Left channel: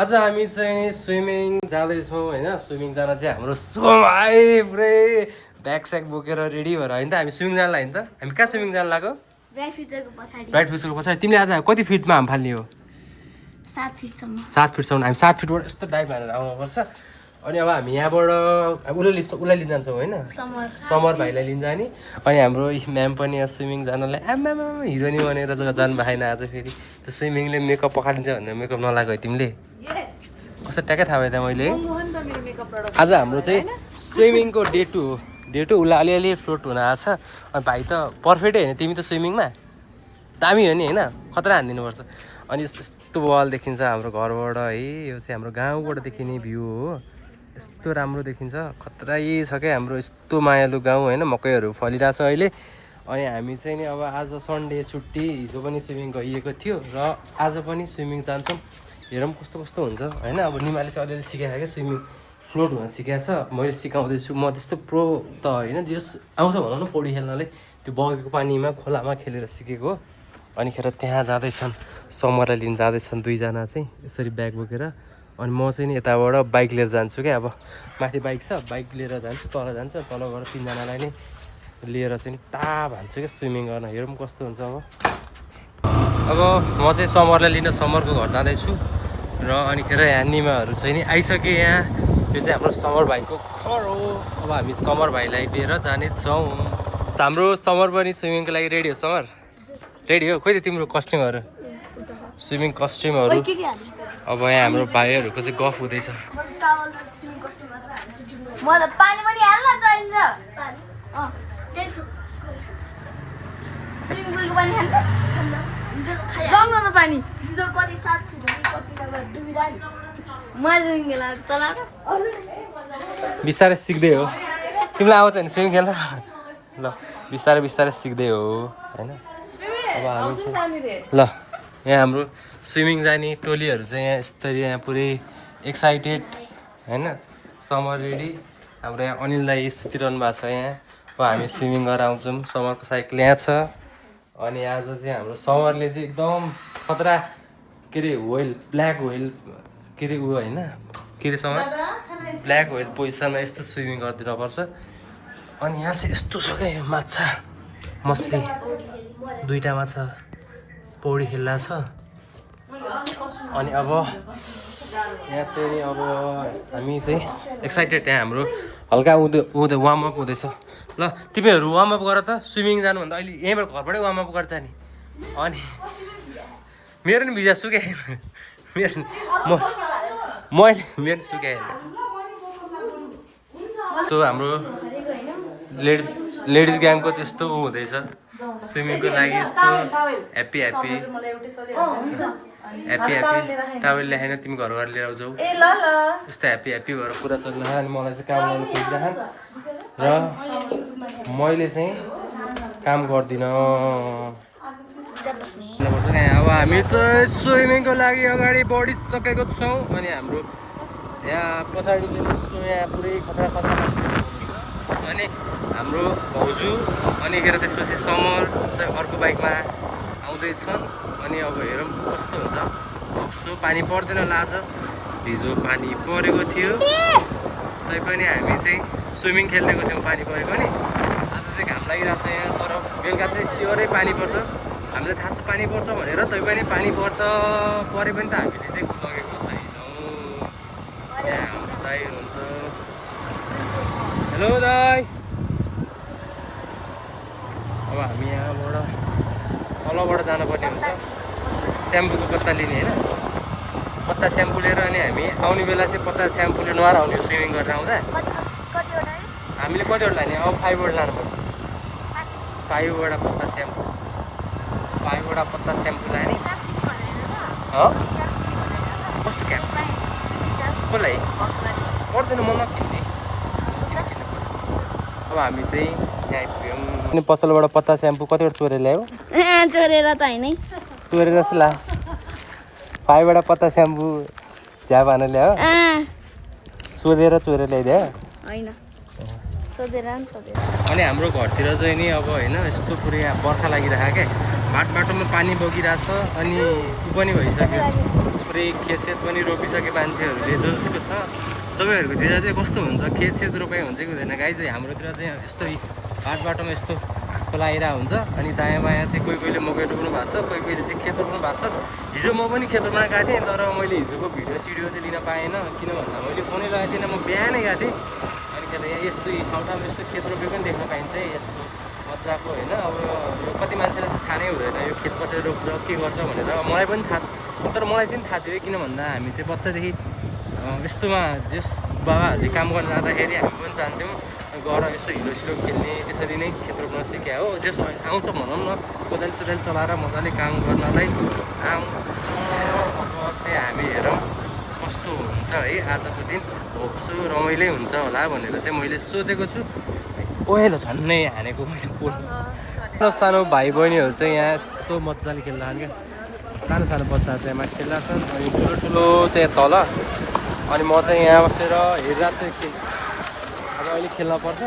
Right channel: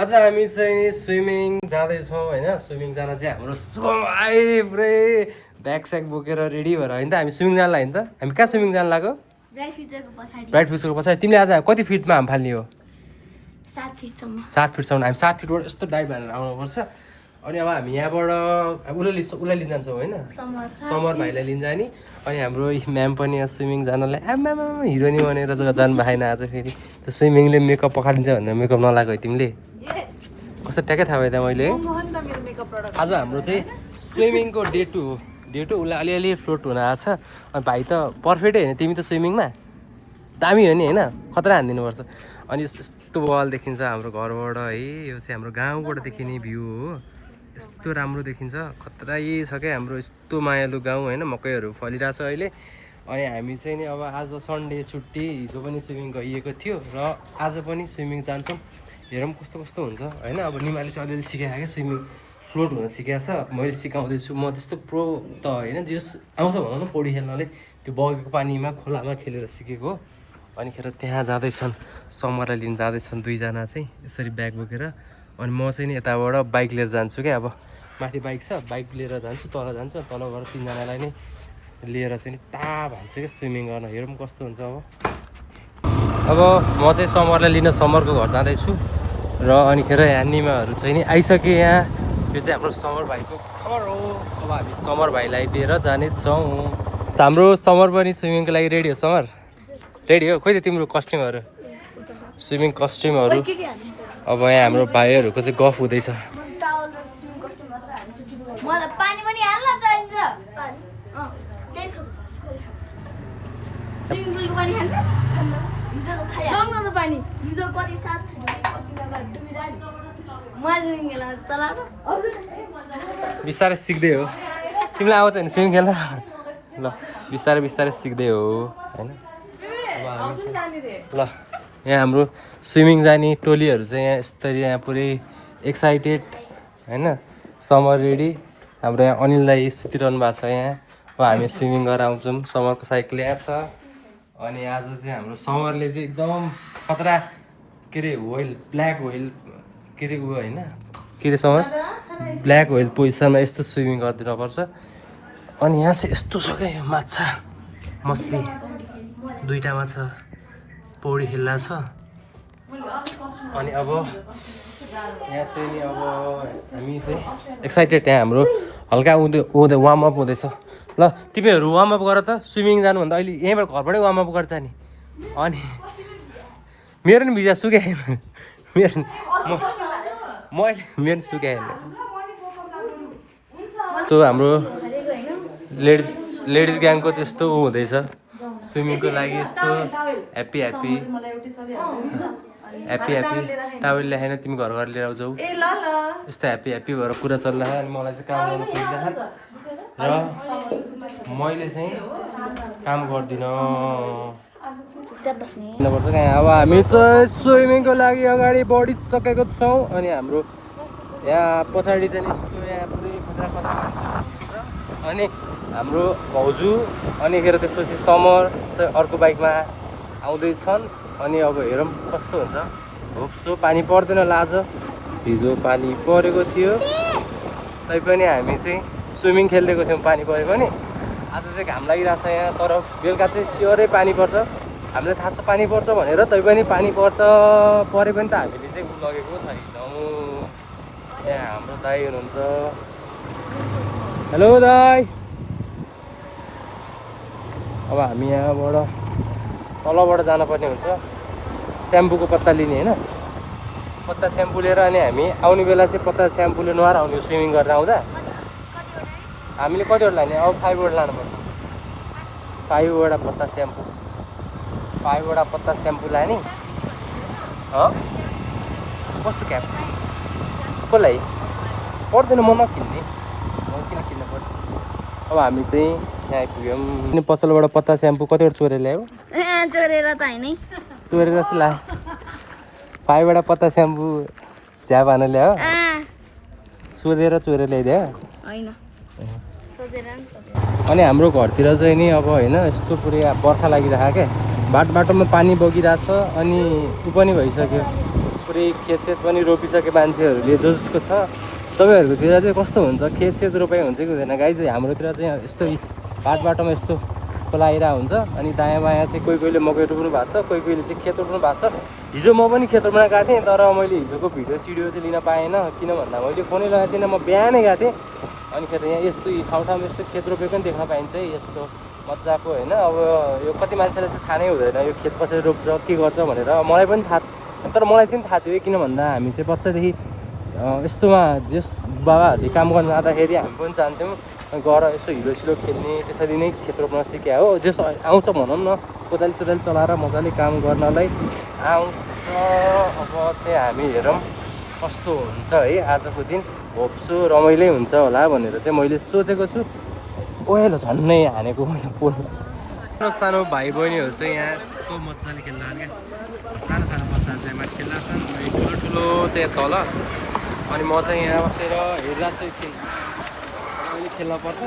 आज हामी चाहिँ स्विमिङ जाँदैछौँ होइन। स्विमिङ जान चाहिँ हाम्रो पुरै ब्याग स्याग बोकेर रेडी भएर होइन त हामी स्विमिङ जान लाग्यो नि त। हामी कहाँ स्विमिङ जान लाग्यो? ब्राइट फ्युचरको पछाडि। तिमीले आज कति फिटमा हाम फाल्ने हो? 7 फिटसम्म। 7 फिटसम्म। हामी 7 फिटबाट यस्तो डाइभ हानेर आउनुपर्छ। अनि अब हामी यहाँबाट उसलाई लिन जान्छौँ होइन, समर भाइलाई लिन जाने। अनि हाम्रो म्याम पनि स्विमिङ जानलाई आमा हिरोनी बनेर जानु भएन आज। फेरि त्यो स्विमिङले मेकअप पखालिन्छ भनेर मेकअप नलाग्यो है तिमीले? कस्तो ट्याक्कै थाहा भयो त मैले। आज हाम्रो चाहिँ स्विमिङको डे 2 हो। डे 2 उसलाई अलिअलि फ्लोट हुन आएको छ। अनि भाइ त पर्फेक्टै होइन, तिमी त स्विमिङमा दामी हो नि होइन, खतरा हानिदिनुपर्छ। अनि यस्तो बल देखिन्छ हाम्रो घरबाट है। यो चाहिँ हाम्रो गाउँबाट देखिने भ्यू हो। यस्तो राम्रो देखिन्छ, खतरै छ क्या हाम्रो यस्तो मायालु गाउँ होइन। मकैहरू फलिरहेछ अहिले। अनि हामी चाहिँ नि अब आज सन्डे छुट्टी, हिजो पनि स्विमिङ गइएको थियो र आज पनि स्विमिङ जान्छौँ। हेरौँ कस्तो कस्तो हुन्छ होइन। अब निमाले चाहिँ अलिअलि सिकाएको क्या, स्विमिङ फ्लोट हुन सिकाएको छ। मैले सिकाउँदैछु, म त्यस्तो प्रो त होइन, जस आउँछ भनौँ न पौडी खेल्नलाई। त्यो बगेको पानीमा खोलामा खेलेर सिकेको। अनिखेर त्यहाँ जाँदैछन्, समरलाई लिन जाँदैछन् दुईजना चाहिँ यसरी ब्याग बोकेर। अनि म चाहिँ नि यताबाट बाइक लिएर जान्छु क्या। अब माथि बाइक छ, बाइक लिएर जान्छु, तल जान्छु। तल गएर तिनजनालाई नै लिएर चाहिँ टा भान्छु क्या स्विमिङ गर्न। हेरौँ कस्तो हुन्छ। अब म चाहिँ समरलाई लिन समरको घर जाँदैछु र अनिखेर यहाँ निमाहरू चाहिँ नि आइसके। यहाँ यो चाहिँ हाम्रो समर भाइको घर हो। अब हामी समर भाइलाई लिएर जानेछौँ। हाम्रो समर पनि स्विमिङको लागि रेडी हो? समर रेडी हो? खोइ त तिम्रो कस्ट्युमहरू, स्विमिङ कस्ट्युमहरू। अब यहाँ हाम्रो भाइहरूको चाहिँ गफ हुँदैछ। बिस्तारै सिक्दै हो, तिमीलाई आउँछ नि स्विमिङ खेल्न? ल बिस्तारै बिस्तारै सिक्दै हो होइन। अब हामी ल यहाँ हाम्रो स्विमिङ जाने टोलीहरू चाहिँ यहाँ यस्तरी यहाँ पुरै एक्साइटेड होइन। Summer ready. हाम्रो यहाँ अनिल दाइ सुतिरहनु भएको छ यहाँ। अब हामी स्विमिङ गरेर आउँछौँ। समरको साइकल यहाँ छ। अनि आज चाहिँ हाम्रो समरले चाहिँ एकदम खतरा के अरे व्हेल, ब्ल्याक व्हेल के अरे ऊ होइन के अरे समर, ब्ल्याक व्हेल पोजिसनमा यस्तो स्विमिङ गरिदिनुपर्छ। अनि यहाँ चाहिँ यस्तो छ क्या, यो माछा मछली दुईवटा माछा पौडी खेल्दा छ। अनि अब यहाँ चाहिँ नि अब हामी चाहिँ एक्साइटेड। यहाँ हाम्रो हल्का उँधो वार्मअप हुँदैछ। ल तिमीहरू वार्मअप गर त, स्विमिङ जानुभन्दा अहिले यहीँबाट घरबाटै वार्मअप गर्छ नि। अनि मेरो नि भिजा सुकाएन, मेरो मेरो सुकाएन। त्यो हाम्रो लेडिज ग्याङको चाहिँ यस्तो ऊ हुँदैछ स्विमिङको लागि। यस्तो happy happy happy happy towel ल्याएन, तिमी घर घर लिएर आउँछौ। यस्तो ह्याप्पी ह्याप्पी भएर पुरा चलिरहेको। अनि मलाई चाहिँ काम गर्नु खोजिरहेको र मैले चाहिँ काम गर्दिनँ। अब हामी चाहिँ स्विमिङको लागि अगाडि बढिसकेको छौँ। अनि हाम्रो यहाँ पछाडि चाहिँ यस्तो यहाँ पुरै खतरा खतरा मान्छे हुनुहुन्छ। अनि हाम्रो भाउजू अनिखेर त्यसपछि समर चाहिँ अर्को बाइकमा आउँदैछन्। अनि अब हेरौँ कस्तो हुन्छ। होप्सो पानी पर्दैन लाज, हिजो पानी परेको थियो तैपनि हामी चाहिँ स्विमिङ खेलिदिएको थियौँ पानी परेको नि। आज चाहिँ घाम लागिरहेको छ यहाँ, तर बेलुका चाहिँ स्योरै पानी पर्छ। हामीलाई थाहा छ पानी पर्छ भनेर, तैपनि पानी परे पनि त हामीले चाहिँ उ लगेको छैनौँ। यहाँ हाम्रो दाइ हुनुहुन्छ। हेलो दाइ। अब हामी यहाँबाट तलबाट जानुपर्ने हुन्छ, स्याम्पूको पत्ता लिने होइन। पत्ता स्याम्पू लिएर अनि हामी आउने बेला चाहिँ पत्ता स्याम्पूले नुहाएर आउने स्विमिङ गरेर आउँदा। हामीले कतिवटा लाने? अब 5वटा लानुपर्छ। 5वटा पत्ता स्याम्पू, 5वटा पत्ता स्याम्पू लाने। कस्तो क्याप कसलाई पर्दैन, ममा किन्ने, किन किन्नु पर्यो। अब हामी चाहिँ यहाँ आइपुग्यौँ अनि पसलबाट पत्ता स्याम्पू कतिवटा चोरेर ल्यायो चोरेर त होइन चोरेर जस्तो ला फाइबाट पत्ता स्याम्पू झ्याप हान ल्यायो सोधेर चोरेर ल्याइदियो होइन अनि हाम्रो घरतिर चाहिँ नि अब होइन यस्तो पुरै बर्खा लागिरहेको क्या बाटोमा पानी बगिरहेछ अनि उ पनि भइसक्यो पुरै खेतसेत पनि रोपिसके मान्छेहरूले जसको छ तपाईँहरूकोतिर चाहिँ कस्तो हुन्छ खेतसेत रोपाइ हुन्छ कि हुँदैन गाई चाहिँ हाम्रोतिर चाहिँ यस्तो बाटोमा यस्तो खोला आइरहेको हुन्छ अनि दायाँ बायाँ चाहिँ कोहीले मकै रोप्नु भएको छ कोहीले चाहिँ खेत रोप्नु भएको छ हिजो म पनि खेत रोप्न गएको थिएँ तर मैले हिजोको भिडियो चाहिँ लिन पाएन किन भन्दा मैले फोनै लगाएको थिएन म बिहानै गएको थिएँ अनि खेत यहाँ यस्तो ठाउँमा यस्तो खेत रोपेको पनि देख्न पाइन्छ है यस्तो मजाको होइन अब यो कति मान्छेलाई चाहिँ थाहा नै हुँदैन यो खेत कसरी रोप्छ के गर्छ भनेर मलाई पनि थाहा तर मलाई चाहिँ थाहा थियो किन भन्दा हामी चाहिँ बच्चादेखि यस्तोमा जस बाबाहरूले काम गर्न जाँदाखेरि हामी पनि जान्थ्यौँ गएर यसो हिलो खेल्ने यसरी नै खेत रोप्न सिक्या हो जस आउँछ भनौँ न कोदाली सोदाली चलाएर मजाले काम गर्नलाई आउँछ अब चाहिँ हामी हेरौँ कस्तो हुन्छ है आजको दिन होप्छु रमाइलो हुन्छ होला भनेर चाहिँ मैले सोचेको छु ओहेलो झन्नै हानेको मैले पोल सानो भाइ बहिनीहरू चाहिँ यहाँ यस्तो मजाले खेल्दा क्या सानो सानो बच्चाहरू चाहिँ यहाँ खेल्दा छन् अनि ठुलो चाहिँ तल अनि म चाहिँ यहाँ बसेर हेरिरहेको छु एकछिन अब अहिले खेल्न पर्छ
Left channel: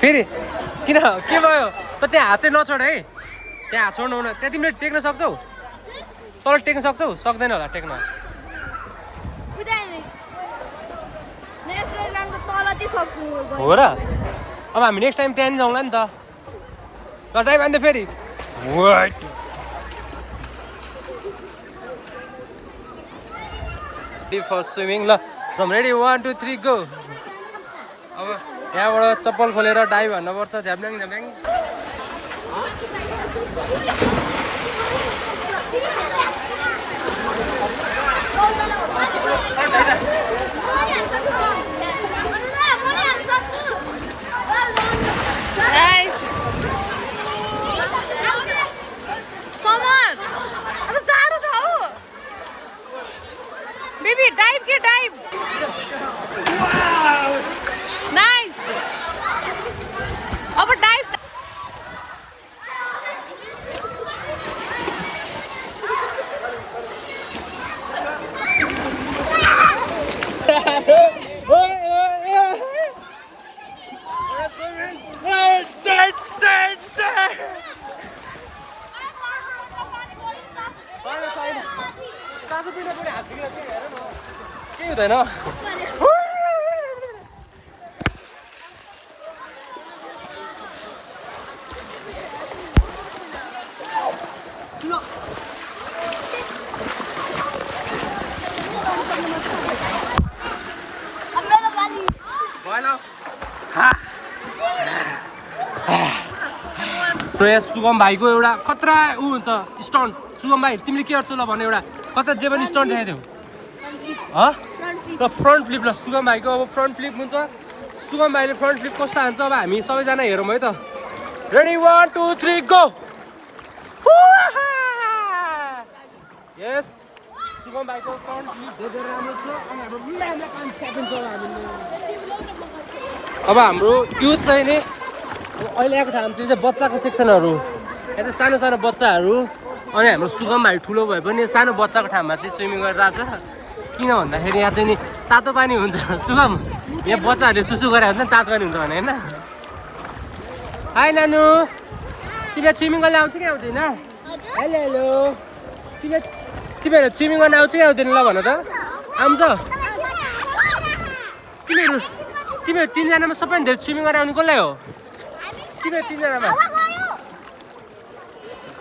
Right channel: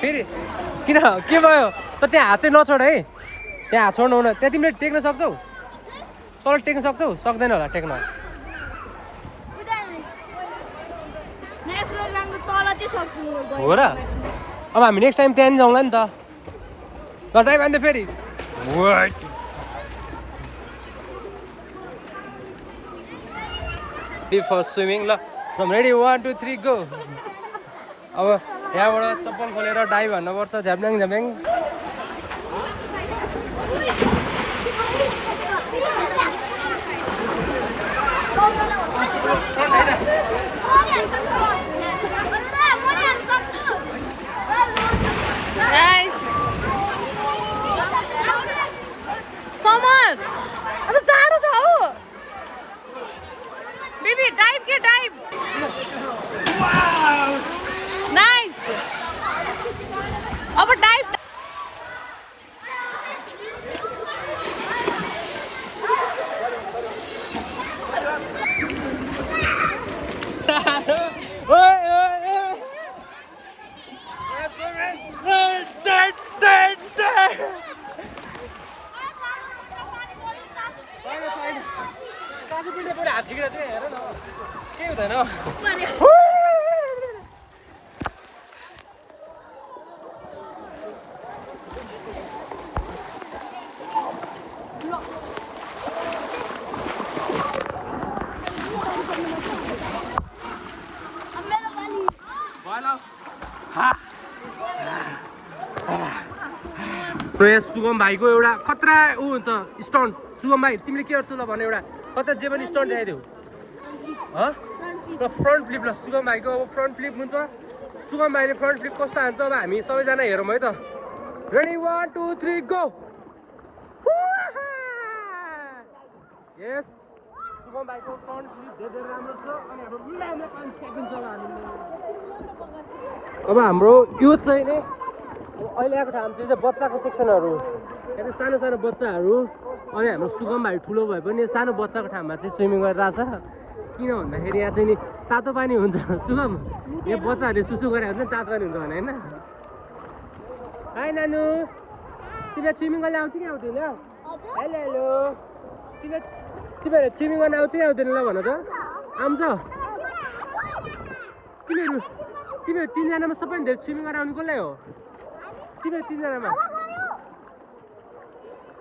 फेरि किन के भयो त त्यहाँ हात चाहिँ नछोड है त्यहाँ हात छोड्नु हुन त्यहाँ तिमीले टेक्न सक्छौ तल टेक्न सक्छौ सक्दैन होला टेक्न हो र अब हामी नेक्स्ट टाइम त्यहाँदेखि जाउँला नि त ल टाइम आन्थ्यो फेरि फर स्विमिङ ल रेडी 1 2 3 गो अब यहाँबाट चप्पल खोलेर डाइभ हान्नुपर्छ झ्याप्ल्याङ झ्याप्ल्याङ समर अब जाडो छ हौ बेबी डाइभ के डाइभ नाइस अब डाइभ केही हुँदैन सुगम भाइको एउटा खतरा ऊ हुन्छ स्टन्ट सुगम भाइ तिमीले के गर्छौ ल भने एउटा कता जे पनि स्टन्ट देखाइदेऊ र फ्रन्ट फ्लिप ल सुगम भाइको अब फ्रन्ट फ्लिप हुन्छ सुगम भाइले फ्रन्ट फ्लिप कस्तो हान्छ अब हामी सबैजना हेरौँ है त रेडी 1 2 3 गो यस सुगम भाइको फ्रन्ट फ्लिप धेरै राम्रो छ अब हाम्रो यो चाहिँ नि अहिले आएको ठाउँ चाहिँ बच्चाको सेक्सनहरू यहाँ चाहिँ सानो सानो बच्चाहरू अनि हाम्रो सुगम भाइ ठुलो भए पनि सानो बच्चाको ठाउँमा चाहिँ स्विमिङ गरिरहेछ किन भन्दाखेरि यहाँ चाहिँ नि तातो पानी हुन्छ सुगम यहाँ बच्चाहरूले सुसु गरे हुन्छ नि तातो पानी हुन्छ भने होइन हाई नानु तिमीलाई स्विमिङ गर्न आउँछ कि आउँदैन हेलो हेलो तिमीहरू स्विमिङ गर्न आउँछ कि आउँदैन ल भन त आउँछ तिमीहरू तिनजनामा सबैभन्दा धेरै स्विमिङ गर्न आउने कसलाई हो तिमीहरू तिनजनामा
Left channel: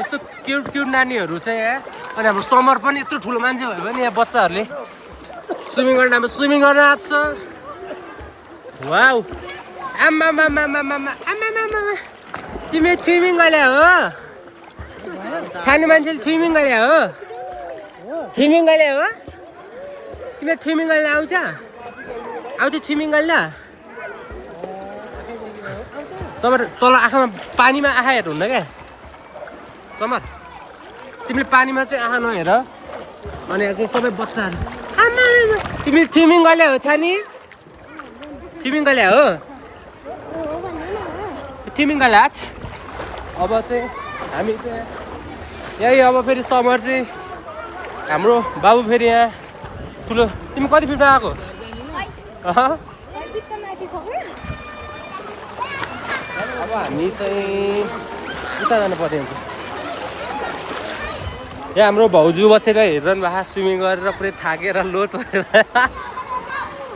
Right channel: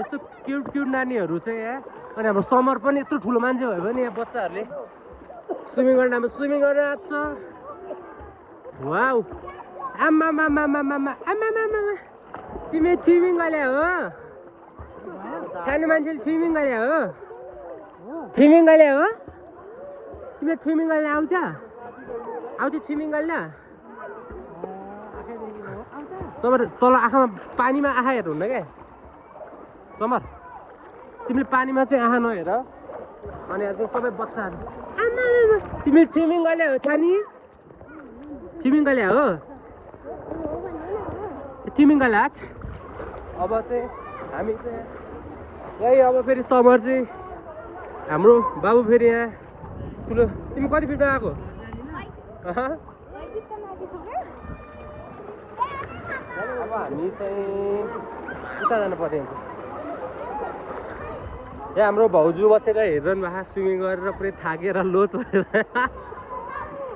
यस्तो क्युट क्युट नानीहरू चाहिँ यहाँ अनि हाम्रो समर पनि यत्रो ठुलो मान्छे भयो भने यहाँ बच्चाहरूले स्विमिङ गर्न अब स्विमिङ गर्न आएको छ वाउ आम्मा तिमी स्विमिङ गरे हो खाने मान्छेले स्विमिङ गरे हो स्विमिङ गरे हो तिमीले स्विमिङ गर्न आउँछ स्विमिङ गर्न समर तल आँखामा पानीमा आँखा हेर हुन्न क्या समर तिमीले पानीमा चाहिँ आँखा नहेर अनि चाहिँ सबै बच्चाहरू तिमीले स्विमिङ गरे हो छानी स्विमिङ गरे हो तिमीका लाज अब चाहिँ हामी चाहिँ यही अब फेरि समर चाहिँ हाम्रो बाबु फेरि यहाँ ठुलो तिमी कति फिटमा आएको अब हामी चाहिँ उता जानु पर्ने हुन्छ यहाँ हाम्रो भाउजू बसेर हेरिरहनु भएको स्विमिङ गरेर पुरै थाकेर लोड परेर